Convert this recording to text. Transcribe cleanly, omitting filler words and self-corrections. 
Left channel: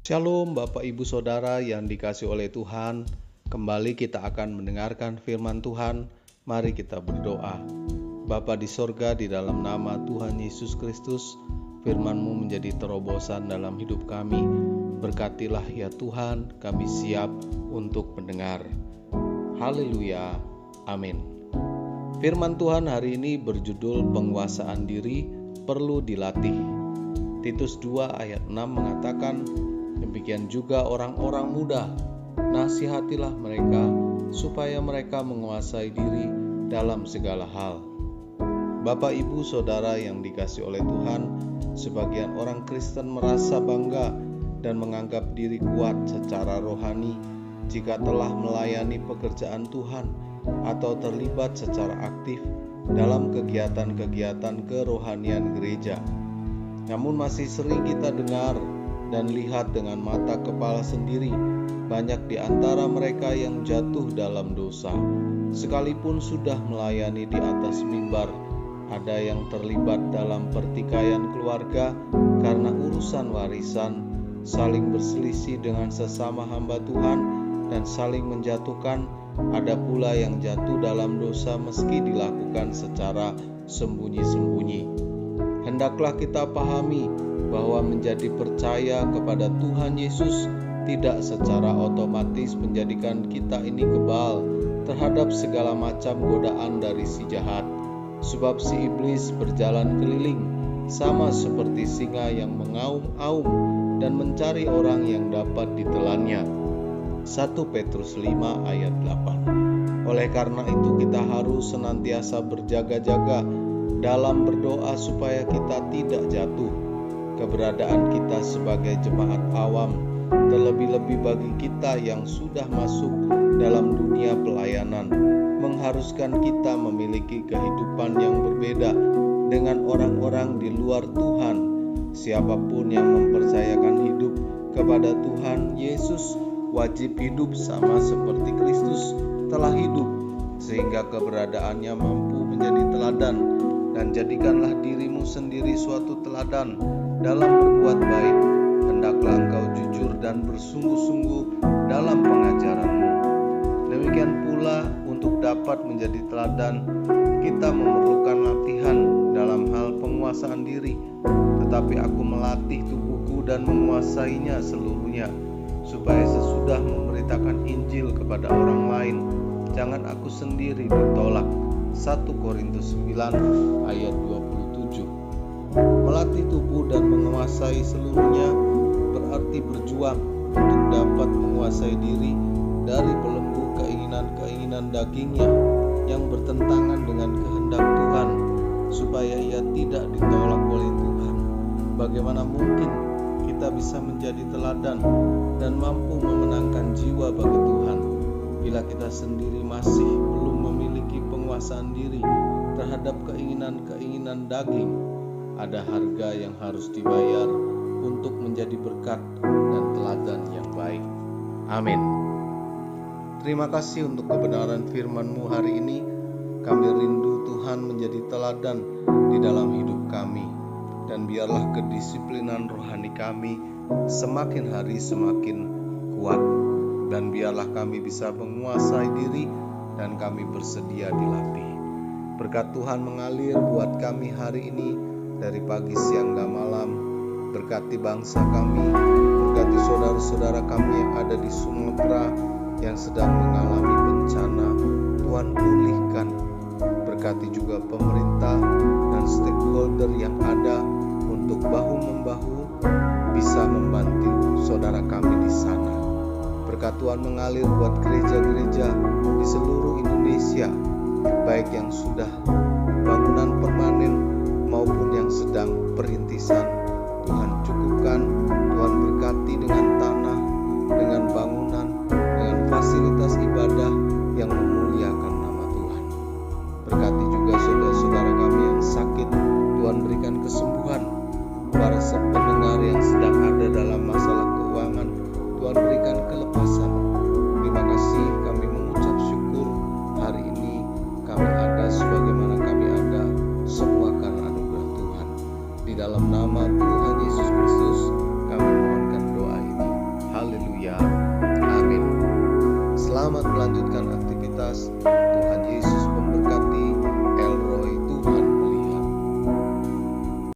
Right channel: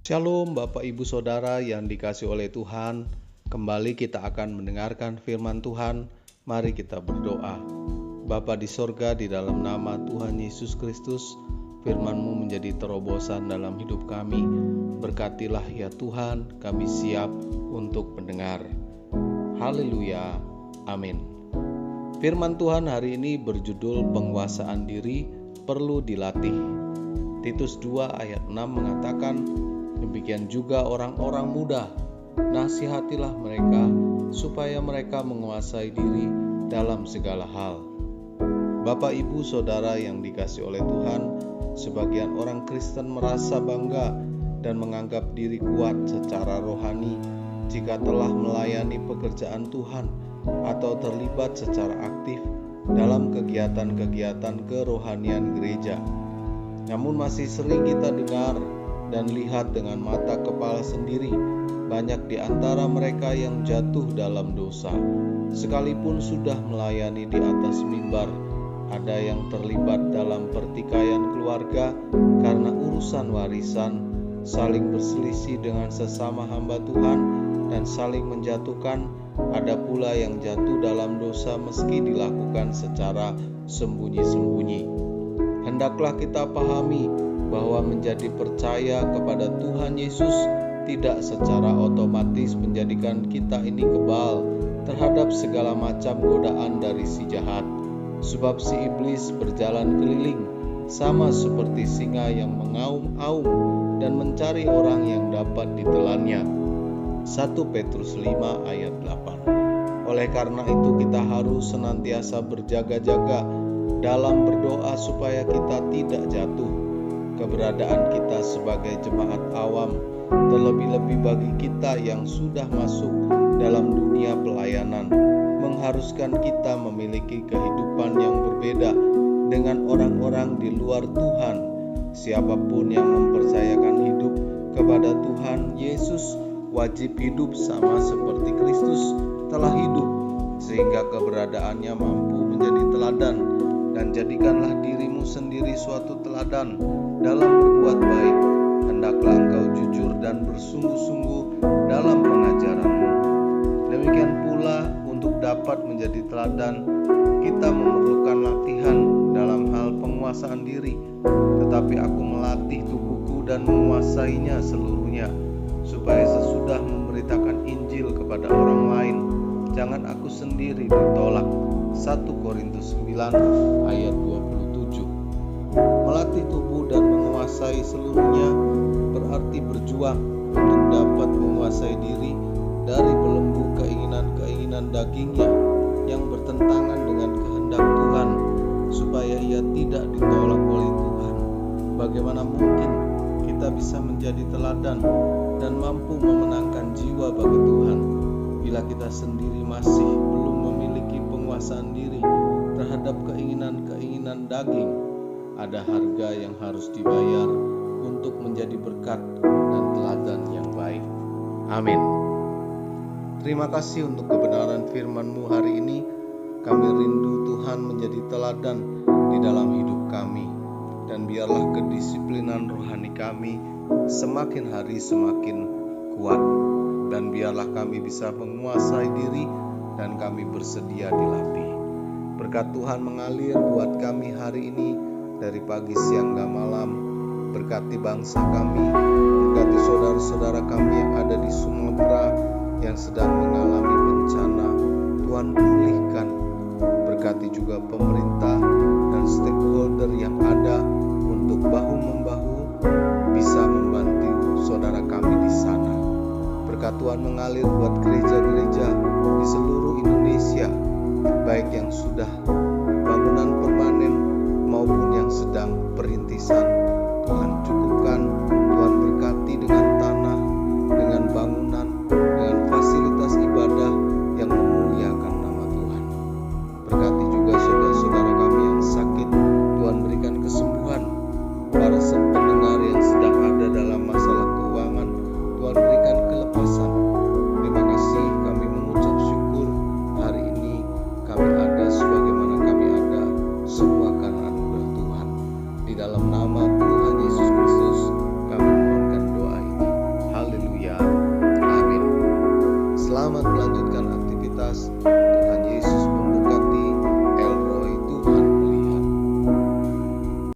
Shalom Bapak Ibu Saudara yang dikasihi oleh Tuhan. Kembali kita akan mendengarkan firman Tuhan. Mari kita berdoa. Bapa di sorga, di dalam nama Tuhan Yesus Kristus, firman-Mu menjadi terobosan dalam hidup kami. Berkatilah ya Tuhan, kami siap untuk mendengar. Haleluya, amin. Firman Tuhan hari ini berjudul penguasaan diri perlu dilatih. Titus 2 ayat 6 mengatakan, demikian juga orang-orang muda, nasihatilah mereka supaya mereka menguasai diri dalam segala hal. Bapak, Ibu, Saudara yang dikasihi oleh Tuhan, sebagian orang Kristen merasa bangga dan menganggap diri kuat secara rohani jika telah melayani pekerjaan Tuhan atau terlibat secara aktif dalam kegiatan-kegiatan kerohanian gereja. Namun masih sering kita dengar dan lihat dengan mata kepala sendiri banyak di antara mereka yang jatuh dalam dosa. Sekalipun sudah melayani di atas mimbar, ada yang terlibat dalam pertikaian keluarga karena urusan warisan, saling berselisih dengan sesama hamba Tuhan dan saling menjatuhkan. Ada pula yang jatuh dalam dosa meski dilakukan secara sembunyi-sembunyi. Hendaklah kita pahami bahwa menjadi percaya kepada Tuhan Yesus tidak secara otomatis menjadikan kita ini kebal terhadap segala macam godaan dari si jahat. Sebab si iblis berjalan keliling sama seperti singa yang mengaum-aum dan mencari orang yang dapat ditelannya. 1 Petrus 5 ayat 8. Oleh karena itu kita harus senantiasa berjaga-jaga dalam berdoa supaya kita tidak jatuh. Keberadaan kita sebagai jemaat awam, terlebih-lebih bagi kita yang sudah masuk dalam dunia pelayanan, mengharuskan kita memiliki kehidupan yang berbeda dengan orang-orang di luar Tuhan. Siapapun yang mempercayakan hidup kepada Tuhan Yesus wajib hidup sama seperti Kristus telah hidup, sehingga keberadaannya mampu menjadi teladan. Dan jadikanlah dirimu sendiri suatu teladan dalam berbuat baik. Hendaklah engkau jujur dan bersungguh-sungguh dalam pengajaranmu. Demikian pula untuk dapat menjadi teladan, kita memerlukan latihan dalam hal penguasaan diri. Tetapi aku melatih tubuhku dan menguasainya seluruhnya, supaya sesudah memberitakan Injil kepada orang lain, jangan aku sendiri ditolak. 1 Korintus 9 ayat 27. Melatih tubuh dan menguasai seluruhnya berarti berjuang untuk dapat menguasai diri dari belenggu keinginan-keinginan dagingnya yang bertentangan dengan kehendak Tuhan, supaya ia tidak ditolak oleh Tuhan. Bagaimana mungkin kita bisa menjadi teladan dan mampu memenangkan jiwa bagi Tuhan bila kita sendiri masih belum memiliki penguasaan diri terhadap keinginan-keinginan daging? Ada harga yang harus dibayar untuk menjadi berkat dan teladan yang baik. Amin. Terima kasih untuk kebenaran firman-Mu hari ini. Kami rindu Tuhan menjadi teladan di dalam hidup kami. Dan biarlah kedisiplinan rohani kami semakin hari semakin kuat. Dan biarlah kami bisa menguasai diri dan kami bersedia dilatih. Berkat Tuhan mengalir buat kami hari ini dari pagi, siang, dan malam. Berkati bangsa kami, berkati saudara-saudara kami yang ada di Sumatera yang sedang mengalami bencana. Tuhan pulihkan. Berkati juga pemerintah dan stakeholder yang ada untuk bahu-membahu bisa membantu saudara kami di sana. Berkat Tuhan mengalir buat gereja-gereja di seluruh Indonesia, baik yang sudah bangunan permanen maupun yang sedang perintisan. Tuhan cukupkan, Tuhan berkati dengan tanah, dengan bangunan, dengan fasilitas ibadah yang memuliakan nama Tuhan. Berkati juga saudara-saudara kami yang sakit, Tuhan berikan kesembuhan. Para pendengar yang sedang ada dalam masalah keuangan, Tuhan berikan kelepasan. Terima kasih, kami mengucap syukur hari ini kami ada sebagaimana kami ada, semua karena anugerah Tuhan. Di dalam nama Tuhan Yesus Kristus kami mohonkan doa ini. Haleluya. Amin. Selamat melanjutkan aktivitas. Tuhan Yesus memberkati. El